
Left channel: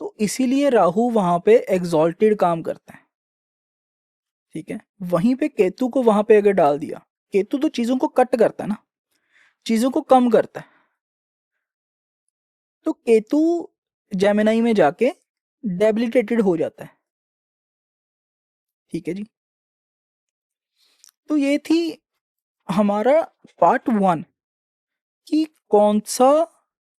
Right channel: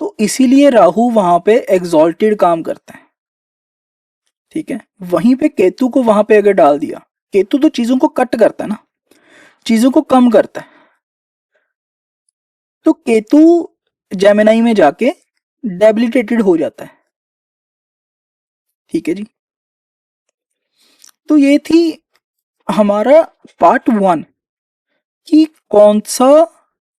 तो इसीलिए राहु वहां पे एग्जॉल्टेड काम करता है। ठीक है। वहीं पे केतु को वहां पे अगर डाल दिया, केतु तो चीजों को कट करता है ना, चीजों को कम करता है। तो केतु जेमिनाई में जाके डेबिलिटेटेड हो जाता है। ठीक है जी। तो ये थी हमारा पार्ट 1, कि कौन सा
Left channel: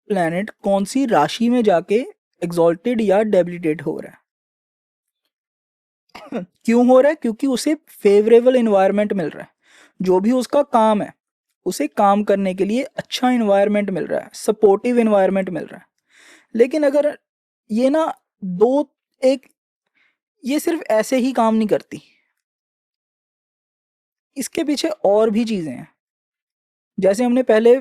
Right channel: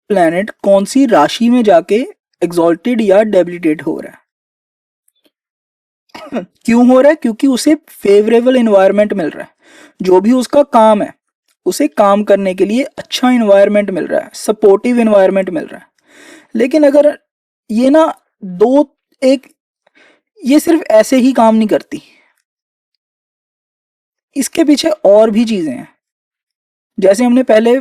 प्लेनेट कौन सी राशि में जाके एग्जॉल्टेड या डेबिलिटेट हो रहा है। क्यों हो रहा है? क्योंकि उसे फेवरेबल एनवायरनमेंट मिल रहा है, जो भी उसका काम है उसे काम करने के लिए अच्छा इन्वायरमेंट मिल रहा है, सपोर्टिव इन्वायरमेंट मिल रहा है। लेकिन अगर ये ना दो एक ये सिर्फ ऐसे ही काम नहीं करती, इसके पीछे और भी चीजें हैं। जैसे हमने पहले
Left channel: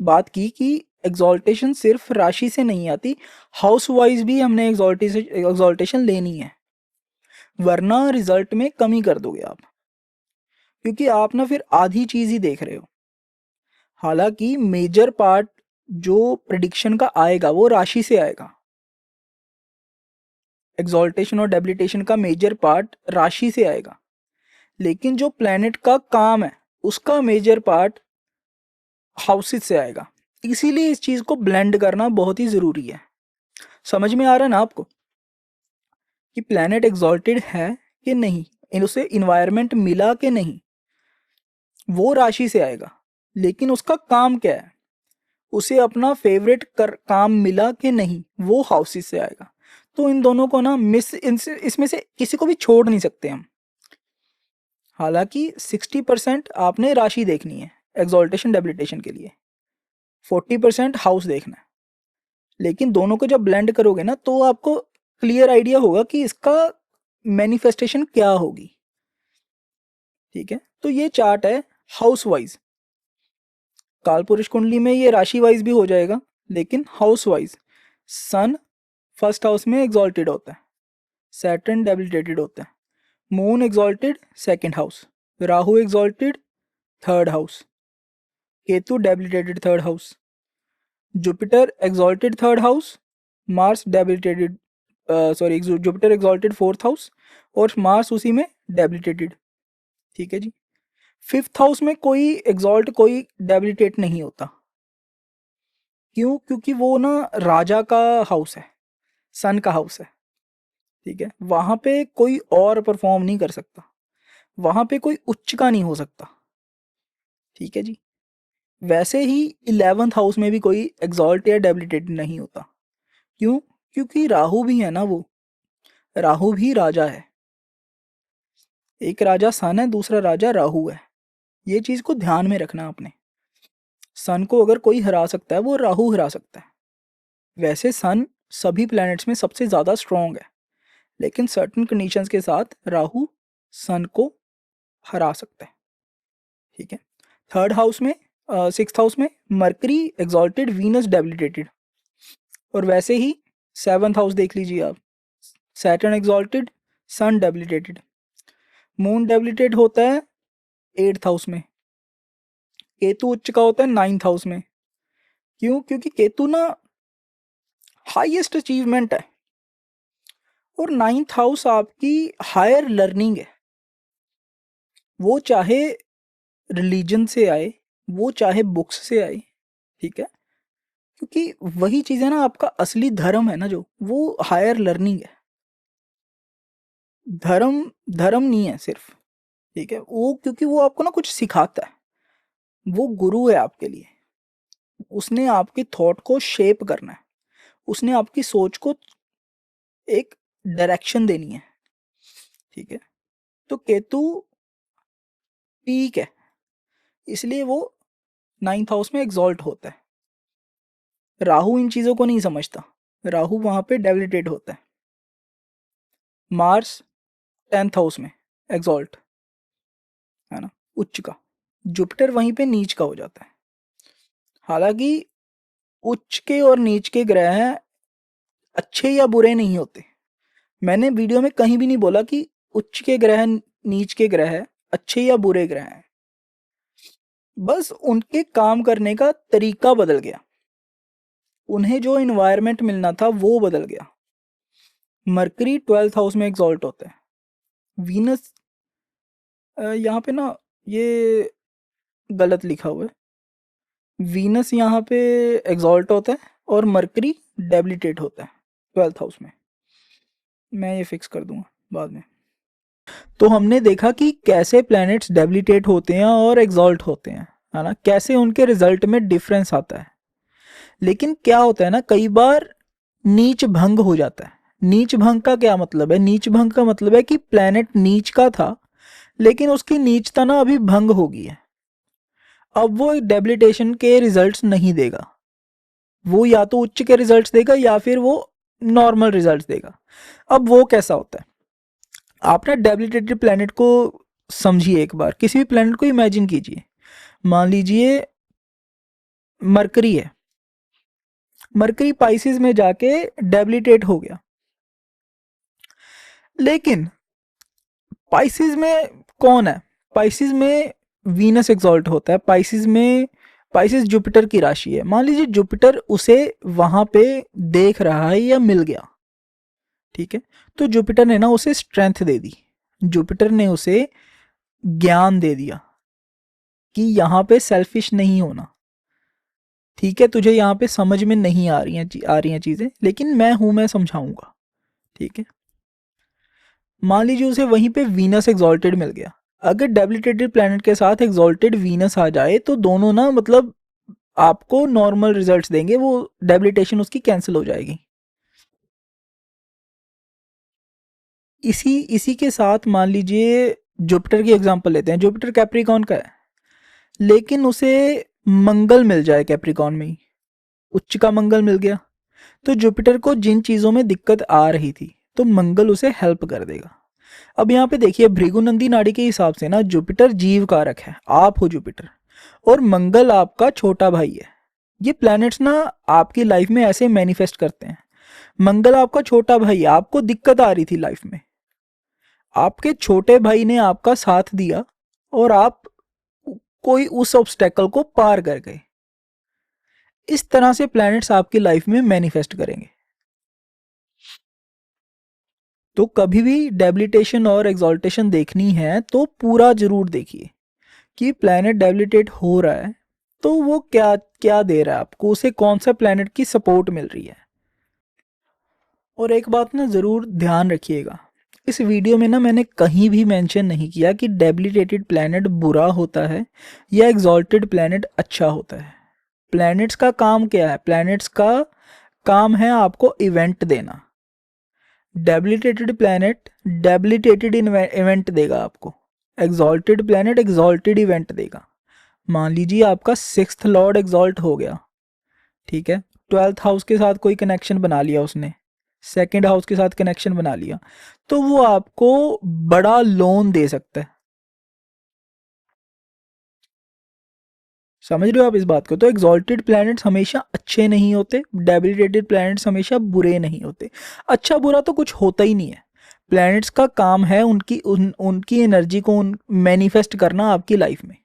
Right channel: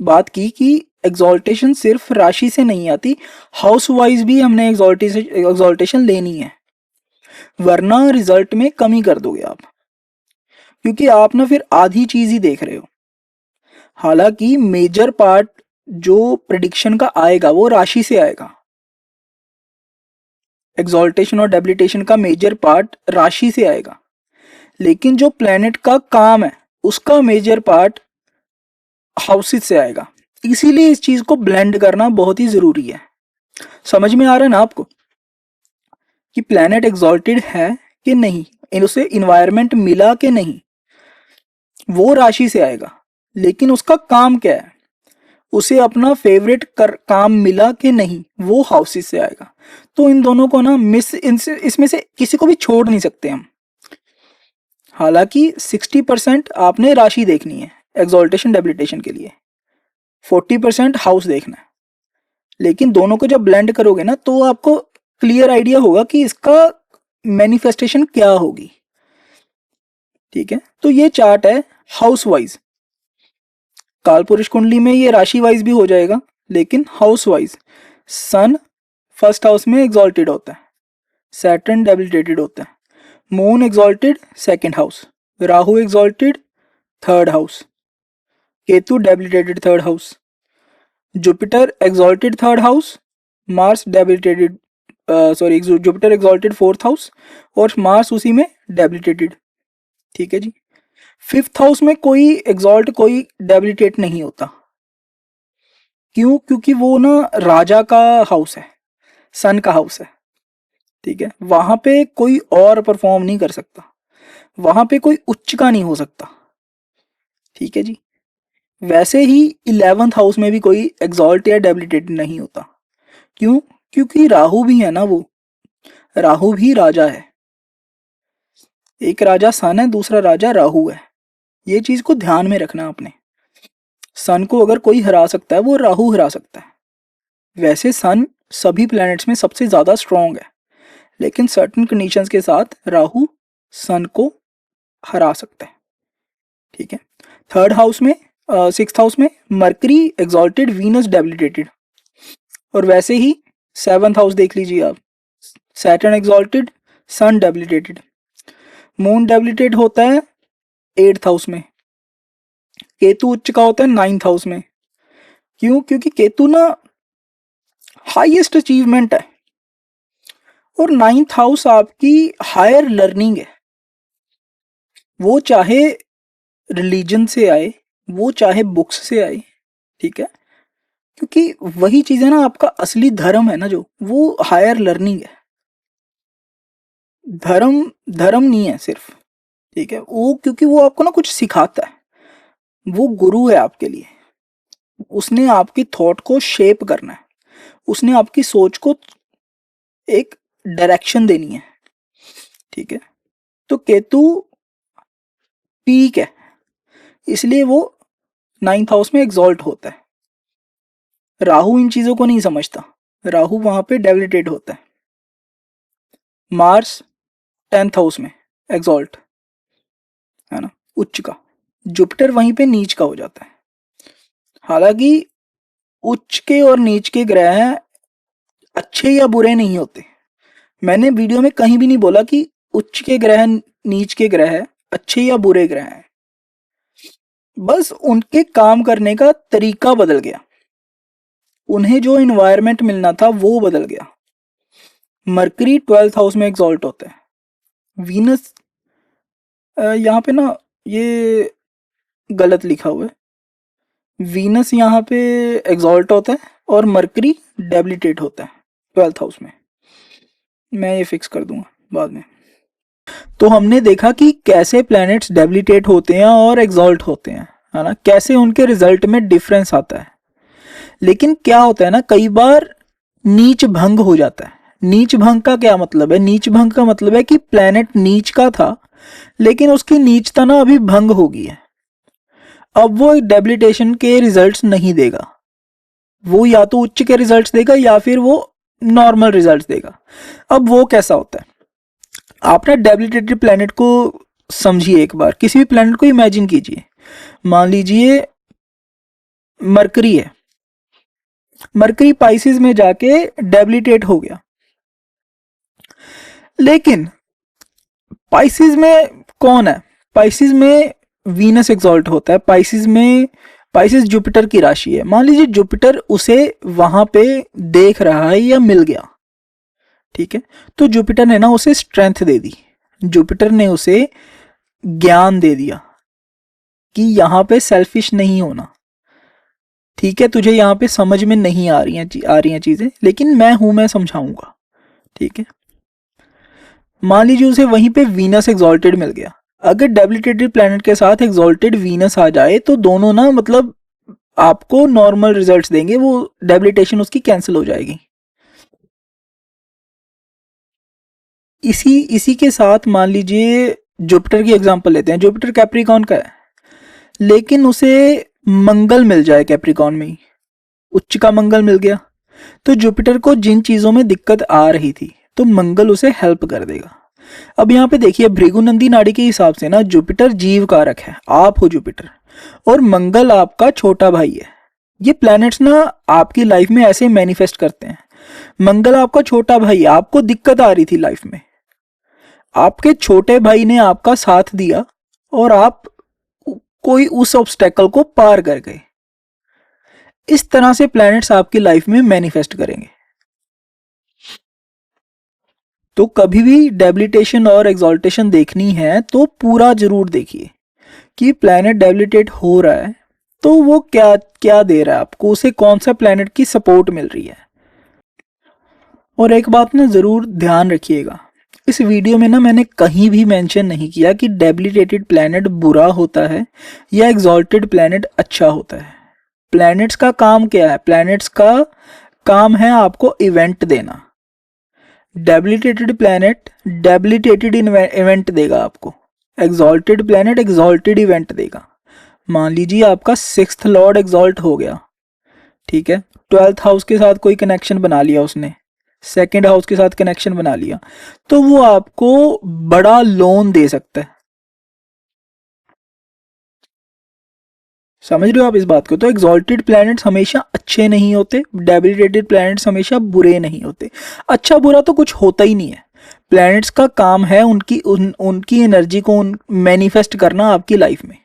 बात की कि एग्जॉल्टेशन सिर्फ राशि से नहीं आती, हाउस वाइज भी हमने एग्जॉल्टेशन लेनी है, वरना रिजल्ट में कमी कर दोगे आप, क्योंकि आप ना फिर आधी चीज ही देख रहे हो। हालांकि मेजर पार्ट जो प्रिडिक्शन का आएगा वो राशि से आएगा, एग्जॉल्टेशन और डेबिलिटेशन का मेजर पार्ट राशि से आएगा, लेकिन जो प्लेनेट का काम है उसका मेजर पार्ट हाउसेस से आएगा। इसीलिए इस चीज को ब्लेंड करना बहुत ही जरूरी है। समझ में आ रहा है ना आपको कि प्लेनेट एग्जॉल्टेड है कि नहीं, उसे इन्वायरमेंट मिला कि नहीं, वो राशि से आएगा, लेकिन उसका काम क्या है, उसे अपना फेवरेट काम मिला कि नहीं, वो हाउसेस से आएगा। तो इन दोनों को ना इसमें से किसी को भी छोड़ नहीं सकते हम। हालांकि 60% आपने राशि देखनी है एग्जॉल्टेशन डेबिलिटेशन के लिए, 40% हाउस देखना है, लेकिन दोनों को जब ब्लेंड करोगे ना तो आपको क्लियर आइडिया होगा कि इसका मैनिफेस्टेशन क्या होगी। ठीक है, तो ये चार्ट है हाउस वाइज। कालपुरुष कुंडली में ये राशि वाइज भी हो जाएगा, लेकिन हाउस वाइज सन फर्स्ट हाउस में एग्जॉल्टेड होता है, सैटर्न डेबिलिटेटेड होता है, moon exalted second house, Rahu exalted third house, Ketu debilitated third house, Jupiter exalted third house, Mars debilitated Jupiter exalted fourth house और मार्स उसी में डेबिलिटेटेड। ठीक है जी। फिफ्थ हाउस में कोई एग्जॉल्ट कोई डेबिलिटेट नहीं होता। क्यों? क्योंकि वो ना राजा का हाउस है, सन का हाउस है। ठीक है, वहां पे कोई और परफॉर्म नहीं कर सकता, वहां पे कोई उच्च का नहीं हो सकता। ठीक है जी। वैसे ही 11th हाउस में भी कोई एग्जॉल्ट या डेबिलिटेट नहीं होता। क्यों? क्योंकि राहु भी है ना, वो राहु भी राजा है। एक राजा सन है, दूसरा राजा राहु है। ये चीज को ध्यान में रखना आपने। सन को अगर कोई हरा सकता है वो राहु हरा सकता है। वैसे सन सभी प्लैनेट्स में सबसे ज्यादा स्ट्रांग है, लेकिन सर्टेन कंडीशंस के साथ राहु सन को हरा सकता है। ठीक है। थर्ड हाउस में सिक्स्थ हाउस में मरकरी एग्जॉल्टेड, वीनस डेबिलिटेटेड। और वैसे ही 7th हाउस देख लीजिए आप, सैटर्न एग्जॉल्टेड, सन डेबिलिटेटेड। मून डेबिलिटेट होता है 8th हाउस में, केतु उच्च का होता है 9th हाउस में। क्यों? क्योंकि केतु ना हाईएस्ट अचीवमेंट है, और 9th हाउस आपकी हायर लर्निंग है। वो चाहे रिलीजन से आए, वो चाहे बुक्स से आए। ठीक है, क्योंकि वही चीज है ना, आपका असली धर्म है ना, जो वो हायर लर्निंग है। धर्म धर्म नहीं है सिर्फ। ठीक है, वो क्योंकि वो आपको ना कुछ सिखाता है, वो गुरु है आपके लिए। उसने आपकी थॉट को शेप करना है, उसने आपकी सोच को एक डायरेक्शन देनी है। ठीक है, तो केतु पीक है, इसलिए वो 9th हाउस में एग्जॉल्ट होता है। राहु इन चीजों को नहीं समझता, राहु वहां पे डेबिलिटेट होता है। मार्स 10th हाउस में एग्जॉल्ट है ना, उच्च का। जुपिटर वहीं पे नीच का हो जाता है। हालांकि उच्च के और नीच के ग्रह अच्छे या बुरे नहीं होते। मैंने वीडियो में कहीं भी नहीं बोला कि उच्च के ग्रह नीच के ग्रह अच्छे या बुरे ग्रह हैं, बस उनके काम करने का तरीका बदल गया, उन्हें जो इन्वायरमेंट मिलना था वो बदल गया। मरकरी 12th हाउस में एग्जॉल्ट होता है। वीनस यहाँ पे ना ये गलत लिखा हुआ है, वीनस यहाँ पे एग्जॉल्ट होता है और मरकरी डेबिलिटेट होता है 12th हाउस में। मैं ये फिक्स कर दूंगा बाद में। तो हमने देखा कि कैसे प्लैनेट्स डेबिलिटेट होते हैं और एग्जॉल्ट होते हैं, है ना, कैसे उनके रिजल्ट में डिफरेंस आता है। लेकिन क्या होता है ना, कई बार नीच भंग हो जाता है। नीच भंग का क्या मतलब है? नीच भंग का मतलब है कि प्लैनेट नीच का था, लेकिन उसकी नीचता ना अभी भंग हो गई है। अब वो डेबिलिटेशन के रिजल्ट्स नहीं देगा, वो या तो उच्च के रिजल्ट्स देगा या फिर वो नॉर्मल रिजल्ट्स देगा। अब वो कैसा होता है, आप ना डेबिलिटेटेड प्लैनेट को समझिए, एक बार किसी भी प्लैनेट को इमेजिन कीजिए। मान लीजिए मरकरी है, मरकरी पाइसिस में जाके डेबिलिटेट हो गया, लेकिन पाइसिस में कौन है, पाइसिस में वीनस एक्सॉल्ट होता है, पाइसिस में, पाइसिस जुपिटर की राशि है। मान लीजिए जुपिटर उसे वहां पे देख रहा है या मिल गया, ठीक है, तो जुपिटर ने ना उसे स्ट्रेंथ दे दी, जुपिटर ने उसे ज्ञान दे दिया कि यहां पे सेल्फिश नहीं होना, ठीक है, तुझे यहाँ पे समझ में नहीं आ रही हैं चीजें, लेकिन मैं हूं, मैं समझाऊंगा, ठीक है। मान लीजिए उसे वहीं पे वीनस एक्सॉल्टेड मिल गया, अगर डेबिलिटेटेड प्लैनेट के साथ एक्सॉल्टेड वीनस आ जाए तो दोनों ना मतलब आपको नॉर्मल रिजल्ट्स देंगे, वो डेबिलिटेशन उसकी कैंसिल हो जाएगी। इसी के साथ मान लीजिए जुपिटर की एग्जांपल लेते हैं, जुपिटर कैप्रिकॉन का है, लेकिन उसे मंगल मिल जाए कैप्रिकॉन में ही, उच्च का मंगल मिल गया, तो जुपिटर को जिन चीजों में दिक्कत आ रही थी तो मंगल उसे हेल्प कर देगा। अब यहाँ पे देखिए भृगुनंदी नाड़ी के हिसाब से ना जुपिटर जीव कारक है, आप हो जुपिटर, और मंगल आपका छोटा भाई है। ये प्लैनेट्स ना आपकी लाइफ में ऐसे मैनिफेस्ट करते हैं। मंगल आपका छोटा भाई है, आपको दिक्कत आ रही थी लाइफ में, आपके छोटे भाई ने आपका साथ दिया और आप कोई उस ऑब्स्टेकल को पार कर गए। इस तरह से प्लैनेट्स आपकी लाइफ में मैनिफेस्ट करेंगे। तो कभी भी डेबिलिटेशन और एक्सॉल्टेशन देखनी है तो पूरा जरूर देखिए कि प्लैनेट डेबिलिटेट हो रहा है तो वो क्या क्या दे रहा है आपको, उसे कौन सा प्लैनेट की सपोर्ट मिल रही है। और एक बात ना जरूर ध्यान रखिएगा, इस वीडियो में ना मैंने कहीं भी मेंशन नहीं किया कि डेबिलिटेटेड प्लैनेट बुरा होता है या एग्जॉल्टेड प्लैनेट अच्छा होता है। प्लैनेट्स का काम क्या है, प्लैनेट्स का काम है आपको इवेंट देना। डेबिलिटेटेड प्लैनेट डेबिलिटेटेड इवेंट देगा आपको, एग्जॉल्टेड प्लैनेट एग्जॉल्टेड इवेंट देगा। मान लीजिए आपका 6th लॉर्ड एग्जॉल्ट हो गया, ठीक है, 12th हाउस के साथ कोई कनेक्शन बना लिया उसने, 2nd हाउस के साथ कनेक्शन बना लिया, तो वो आपको बड़ा लोन दे सकता है। समझ रहे हो आप इस बात को? तो एग्जॉल्टेड प्लैनेट्स हमेशा अच्छे नहीं होते, डेबिलिटेटेड प्लैनेट्स हमेशा बुरे नहीं होते। अच्छा बुरा तो कुछ होता ही नहीं है, प्लैनेट्स का काम है उनकी एनर्जी को मैनिफेस्ट करना आपकी लाइफ में।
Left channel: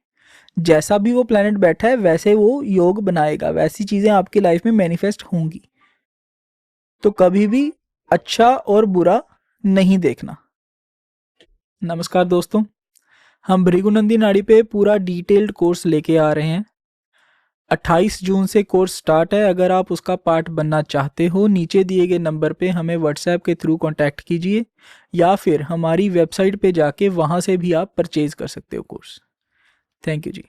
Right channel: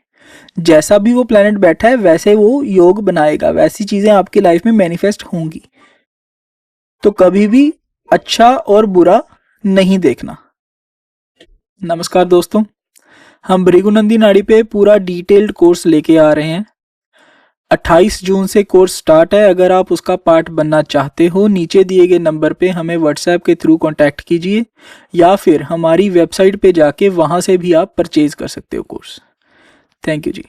जैसा भी वो प्लैनेट बैठा है वैसे वो योग बनाएगा, वैसी चीजें आपकी लाइफ में मैनिफेस्ट होंगी। तो कभी भी अच्छा और बुरा नहीं देखना। नमस्कार दोस्तों, हम भृगुनंदी नाड़ी पे पूरा डिटेल्ड कोर्स लेके आ रहे हैं। 28 जून से कोर्स स्टार्ट है। अगर आप उसका पार्ट बनना चाहते हो, नीचे दिए गए नंबर पे हमें व्हाट्सएप के थ्रू कांटेक्ट कीजिए या फिर हमारी वेबसाइट पे जाके वहां से भी आप परचेज कर सकते हो कोर्स। Thank you ji.